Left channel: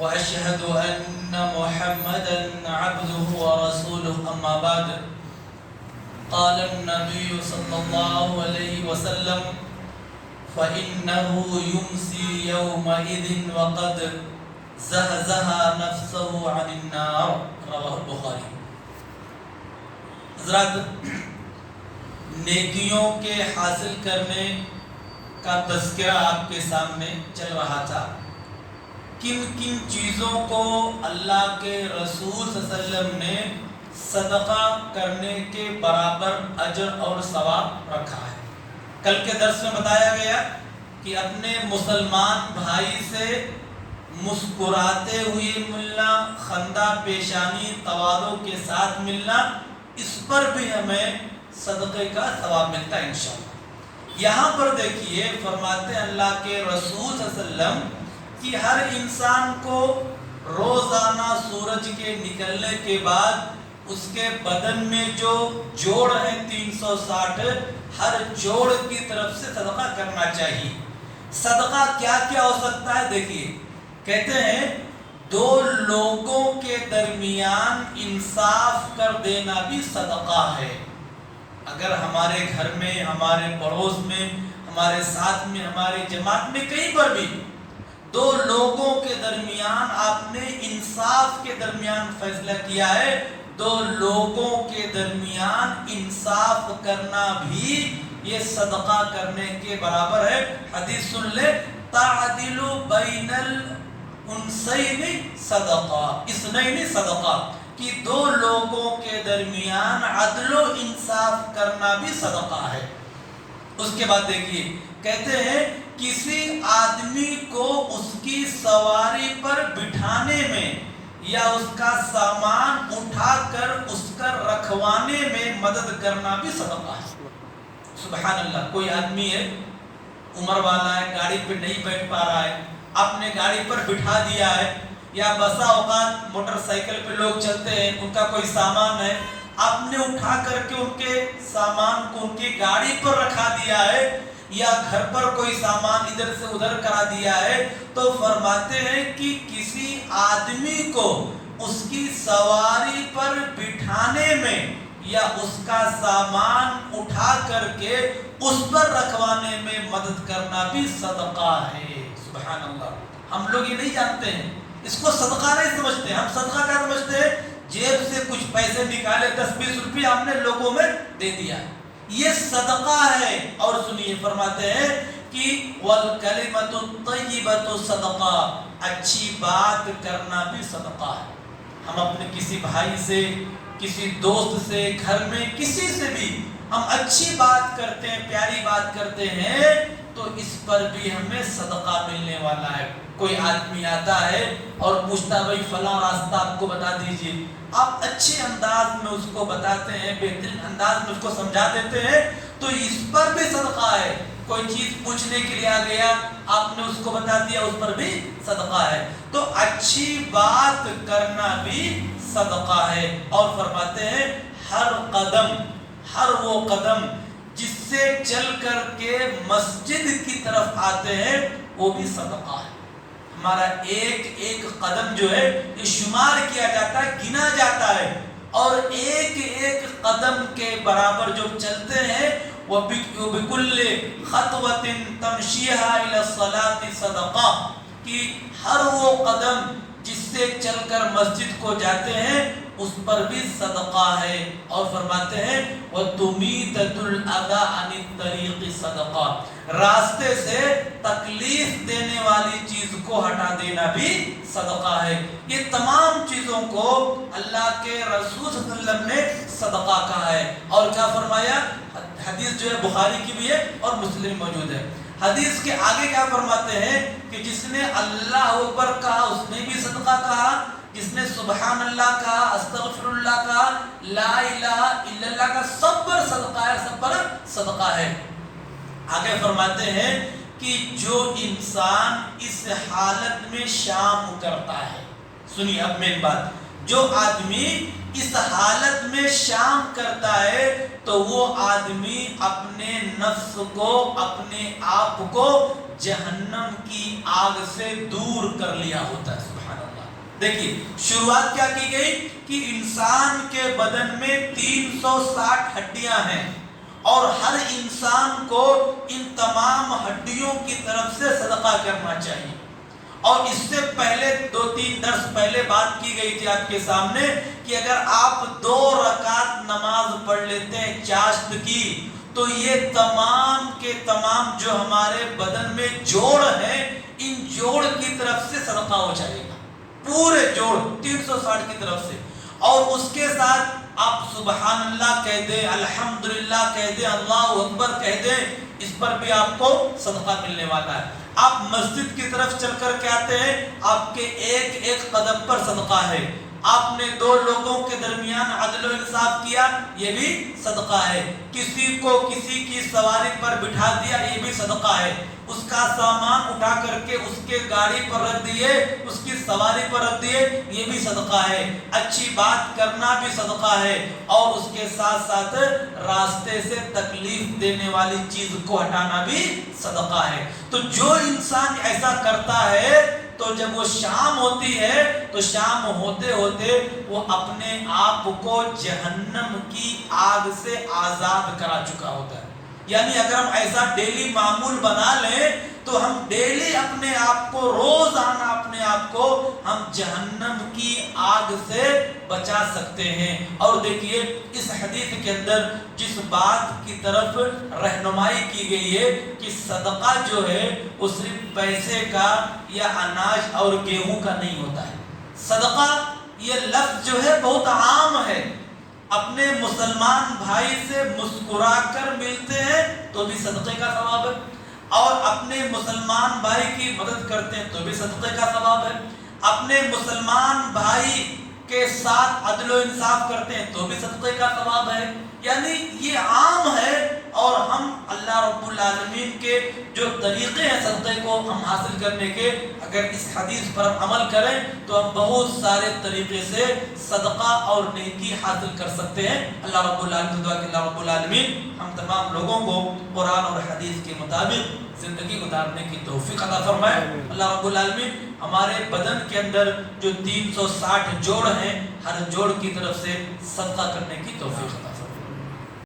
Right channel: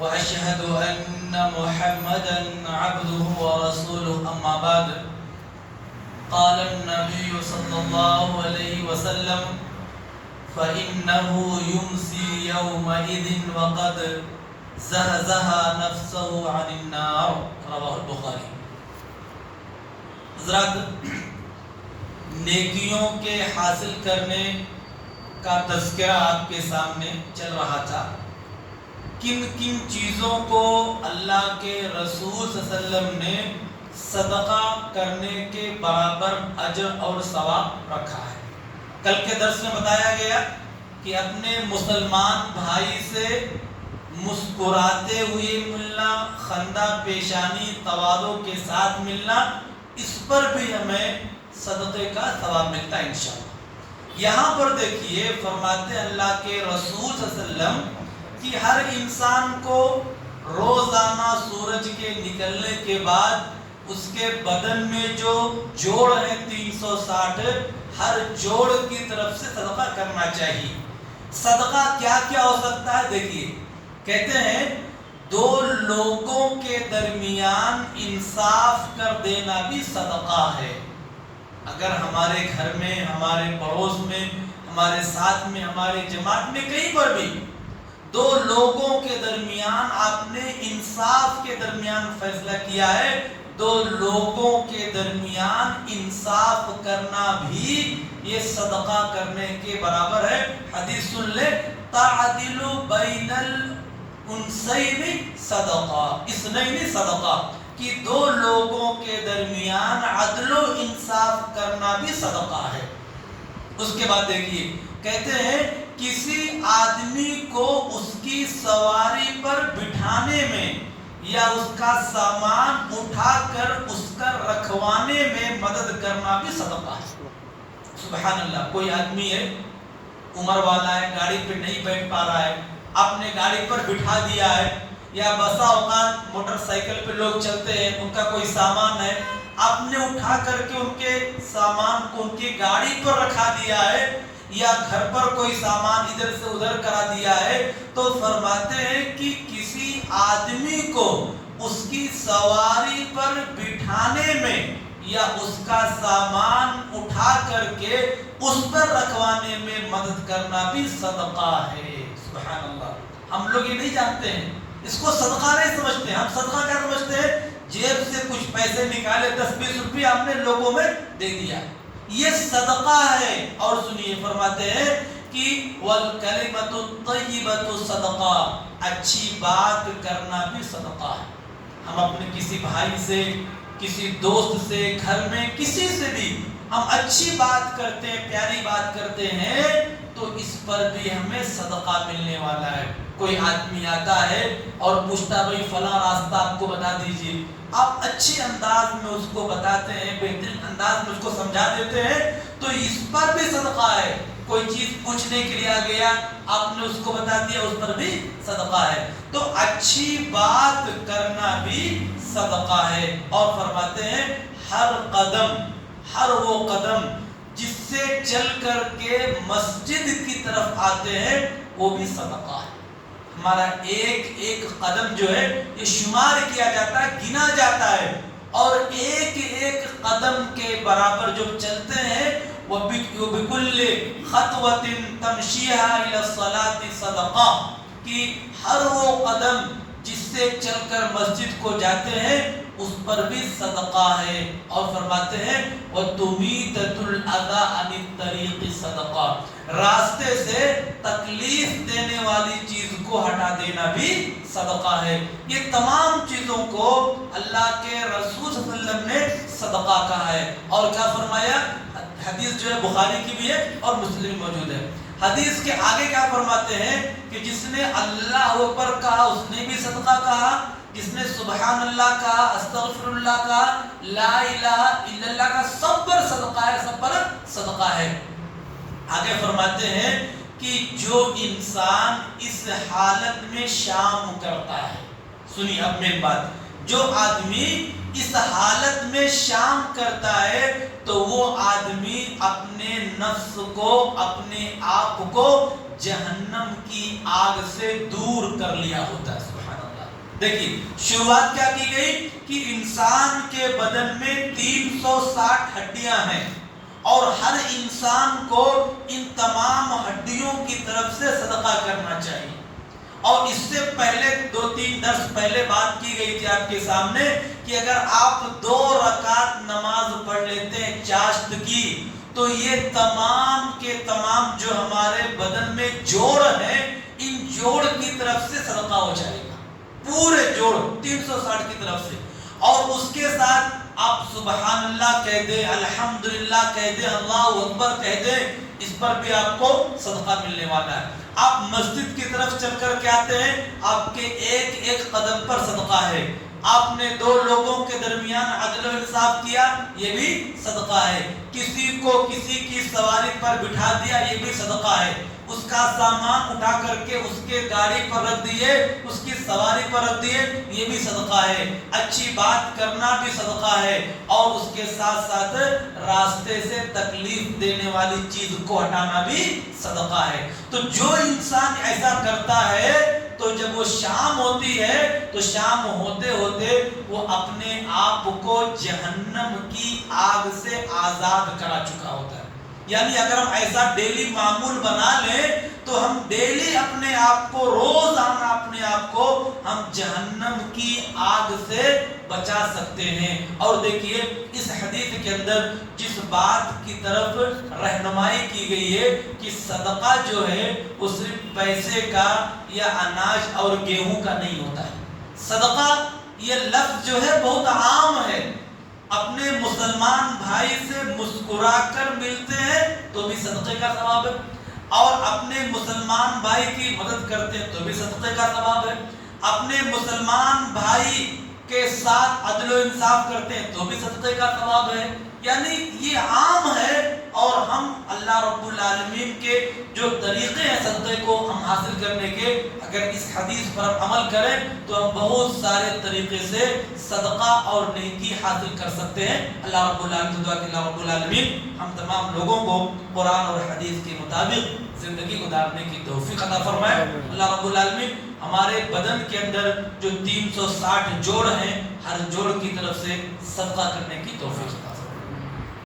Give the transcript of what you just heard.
وأشهد أن محمدا عبده ورسوله أما بعد قال النبي صلى الله عليه وسلم فإنه يمسي يومئذ وقد زهزه نفسه عن النار رواه البخاری۔ حضرات، نیکیوں کے حاصل کرنے کا تذکرہ آپ کے سامنے چل رہا تھا۔ کن کن چیزوں کو اللہ کے رسول صلی اللہ علیہ وسلم نے صدقہ کرنے کے برابر اجر اور ثواب رکھا ہے۔ کل کے درس میں بتایا گیا کہ اپنے مسلمان بھائی سے مسکراتے ہوئے ملنا، خندہ پیشانی تواضع کے ساتھ ملنا، اس پر بھی ہمیں صدقے کا ثواب ملتا ہے انشاءاللہ۔ یہاں پر دیکھیے فرماتے ہیں اللہ کے رسول صلی اللہ علیہ وسلم کہ ہر انسان کو روزانہ سورج کے نکلنے کے بعد اس کے بدن میں جو جوڑ ہے 360، ہر جوڑ کی طرف سے صدقہ کرنا چاہیے۔ صدقہ کیا کیا ہو سکتا ہے؟ دیکھیے، کہتے ہیں دو لوگوں کے درمیان انصاف کر دینا بھی صدقہ ہے۔ اگر ہمارے گھر میں، ہمارے پڑوس میں، ہمارے ساتھ میں، ہمارے جماعت میں، کہیں پر بھی دو لوگوں کے درمیان آپ نے انصاف کے درمیان فیصلہ کیا ہے، دو لوگوں کے درمیان انصاف کرنا بھی یہ صدقہ کرنے کے برابر ہے۔ حدیث سن لے، تعدل بین الانسین صدقہ، اثنین صدقہ، کہ دو لوگوں کے درمیان عدل و انصاف کرنا بھی صدقہ ہے۔ اس کے بعد دیکھیے، کہتے ہیں کسی آدمی کو اس کی سواری پر بٹھانے میں یا اس کا سامان اٹھا کر اس کا رکھوانے میں مدد کرنا بھی صدقہ ہے۔ سبحان اللہ، کوئی آدمی ہے، عمر والا ہے، گاڑی پہ نہیں بیٹھ پا رہا ہے، آپ نے گاڑی پر بٹھا دیا ہے، یا بسا اوقات موٹر سائیکل پہ لوگ چلتے ہیں، ان کا کوئی سامان ہے، آپ نے اٹھا کر کے ان کے سامان کو ان کی گاڑی پر رکھا دیا ہے، یا گھر پر کوئی سامان ادھر سے ادھر کرا دیا ہے، تو فرماتے ہیں کہ کسی آدمی کو اس کی سواری پر بٹھانے میں یا اس کا سامان اٹھا کر کے اس پر رکھوانے میں مدد کرنا بھی صدقہ ہے۔ سبحان اللہ، ہم لوگ یہ نہیں جانتے ہیں، اس کو صدقہ نہیں سمجھتے ہیں۔ ہم صدقہ کیا سمجھتے ہیں؟ جیب سے کچھ پیسے نکالے، 10-20 روپے ہم نے لوگوں میں دے دیا، یہ صدقہ ہے۔ اور سنیے، فرماتے ہیں کہ وَالْكَلِمَةُ الطَّيِّبَةُ صدقہ، اچھی بات کرنا بھی صدقہ ہے۔ ہم اپنے کسی بھائی سے، کسی دوست سے، گھر میں کسی سے بھی ہم اچھی بات کرتے ہیں، پیاری بات کرتے ہیں، تو اس پر بھی ہمیں صدقہ ملنے والا ہے۔ کوئی آدمی آتا ہے اور پوچھتا بھائی فلاں راستہ آپ کو بتا دیجئے، آپ اچھے انداز میں اس کو بتاتے ہیں، بہترین انداز میں اس کو سمجھا دیتے ہیں، تو اس پر بھی صدقہ ہے۔ کوئی چیز پوچھنے کے لیے آ گیا، آپ نے اس کو بتا دیا، اس پر بھی صدقہ ہے۔ تو اچھی بات کرنا بھی صدقہ ہے۔ اور فرماتے ہیں ہر قدم، ہر وہ قدم جس سے چل کر کے مسجد کی طرف آتے ہیں، وہ بھی صدقہ ہے۔ ہمارا ایک ایک قدم جو ہے یہ شمار کیا جاتا ہے، گنا جاتا ہے، اور ایک ایک قدم کے برابر جو چلتے ہیں وَبِكُلِّ خَطْوَةٍ تَمْشِيهَا إِلَى الصَّلَاةِ صَدَقَةٌ، کہ ہر وہ قدم جس سے چل کر مسجد کو جاتے ہیں اس پر بھی صدقہ ہے۔ اور فرماتے ہیں وَتُمِيتَةُ الْأَذَىٰ عَنِ الطَّرِيقِ صَدَقَةٌ، راستے سے تکلیف دینے والی چیز کو ہٹا دینا بھی صدقہ ہے۔ یہ تمام چیزوں کو اللہ کے رسول صلی اللہ علیہ وسلم نے صدقہ کہا ہے۔ اور کیا فرمایا؟ حدیث جو ہے بخاری کی بھی ہے اور مسلم موجود ہے۔ حدیث کے آگے کیا فرماتے ہیں کہ جس نے اللہ اکبر کہا اس نے بھی صدقہ کہا، جس نے سبحان اللہ کہا، استغفر اللہ کہا، لا الہ الا اللہ کا، سب پر صدقہ ہے، سب پر صدقہ ہے۔ آگے فرماتے ہیں کہ جو انسان اس حالت میں شام کرتا ہے، سنیے اب میری بات، جو آدمی اس حالت میں شام کرتا ہے تو وہ آدمی اپنے نفس کو، اپنے آپ کو جہنم کی آگ سے دور کر لیا ہوتا ہے۔ سبحان اللہ، دیکھیے شروعات کیا کی گئی کہ انسان کے بدن میں 360 ہڈیاں ہیں اور ہر انسان کو ان تمام ہڈیوں کی طرف سے صدقہ کرنا چاہیے. اور اس سے پہلے 2-3 درس پہلے بات کی گئی تھی آپ کے سامنے کہ اگر آپ 2 رکعت نماز پڑھ لیتے ہیں چاشت کی تو یہ تمام کے تمام جو ہمارے بدن میں جوڑ ہیں ان جوڑ کی طرف سے صدقہ ہو جائے گا, پورے جوڑ 360 کی طرف سے. اور اس کے ساتھ آپ سبحان اللہ کہہ دیں, الحمدللہ کہہ دیں, اللہ اکبر کہہ دیں, اس پر بھی آپ کو صدقہ ملنے والا ہے. آپ مسجد کی طرف چل کر کے آتے ہیں, آپ کے ایک ایک قدم پر صدقہ ہے. آپ نے 2 لوگوں کے درمیان عدل و انصاف کیا, یہ بھی صدقہ ہے. کسی کو کسی کی سواری پر بٹھا دیا, یہ بھی صدقہ ہے. اس کا سامان اٹھا کر کے اس کے گاڑی پر رکھ دیے, اس کی سواری پر رکھ دیے, یہ بھی صدقہ ہے. اچھی بات کرنا بھی صدقہ ہے. اور اس کے ساتھ ساتھ راستے سے تکلیف دینے والی چیز کو ہٹانا بھی صدقہ ہے. تو جو انسان ایسا کرتا ہے تو جب وہ شام ہوتی ہے تو شام ہوتے ہوتے وہ اپنے آپ کو جہنم کی آگ سے آزاد کرا چکا ہوتا ہے. یعنی اگر ہم ایسا ڈیلی معمول بنا لیں تو ہم ڈیلی اپنے آپ کو, روزانہ اپنے آپ کو ہم جہنم کی آگ سے بچا سکتے ہیں. اور دیکھیے اس حدیث کے اندر جس بات کی طرف رہنمائی کی گئی ہے کہ صدقہ جو ہے وہ صرف پیسے کا یا اناج اور گیہوں کا نہیں ہوتا ہے. صدقہ یہ لفظ جو ہے بہت عام ہے. اپنے مسلمان بھائی سے مسکرا کر ملتے ہیں تو بھی صدقے کا ثواب ہے, اور اپنے مسلمان بھائی کی مدد کرتے ہیں تو بھی صدقے کا ثواب ہے. اپنے مسلمان بھائی کے ساتھ عدل و انصاف کرتے ہیں تو بھی صدقے کا ثواب ہے. یعنی یہ عام ہے, اور ہم اللہ رب العالمین کے جو طریقے ہیں صدقے کو ہم حاصل کرنے کے, اگر اس حدیث پر ہم عمل کریں تو ہم بہت سارے طریقے سے صدقہ اور نیکی حاصل کر سکتے ہیں. اللہ رب العالمین دعا کہ اللہ رب العالمین ہم تمام لوگوں کو قرآن اور حدیث کے مطابق زندگی گزارنے کی توفیق عطا فرمائے. اللہ رب العالمین ہمارے بدن کے اندر جو 360 جوڑ ہیں ہر جوڑ کی طرف سے صدقہ کرنے کی توفیق عطا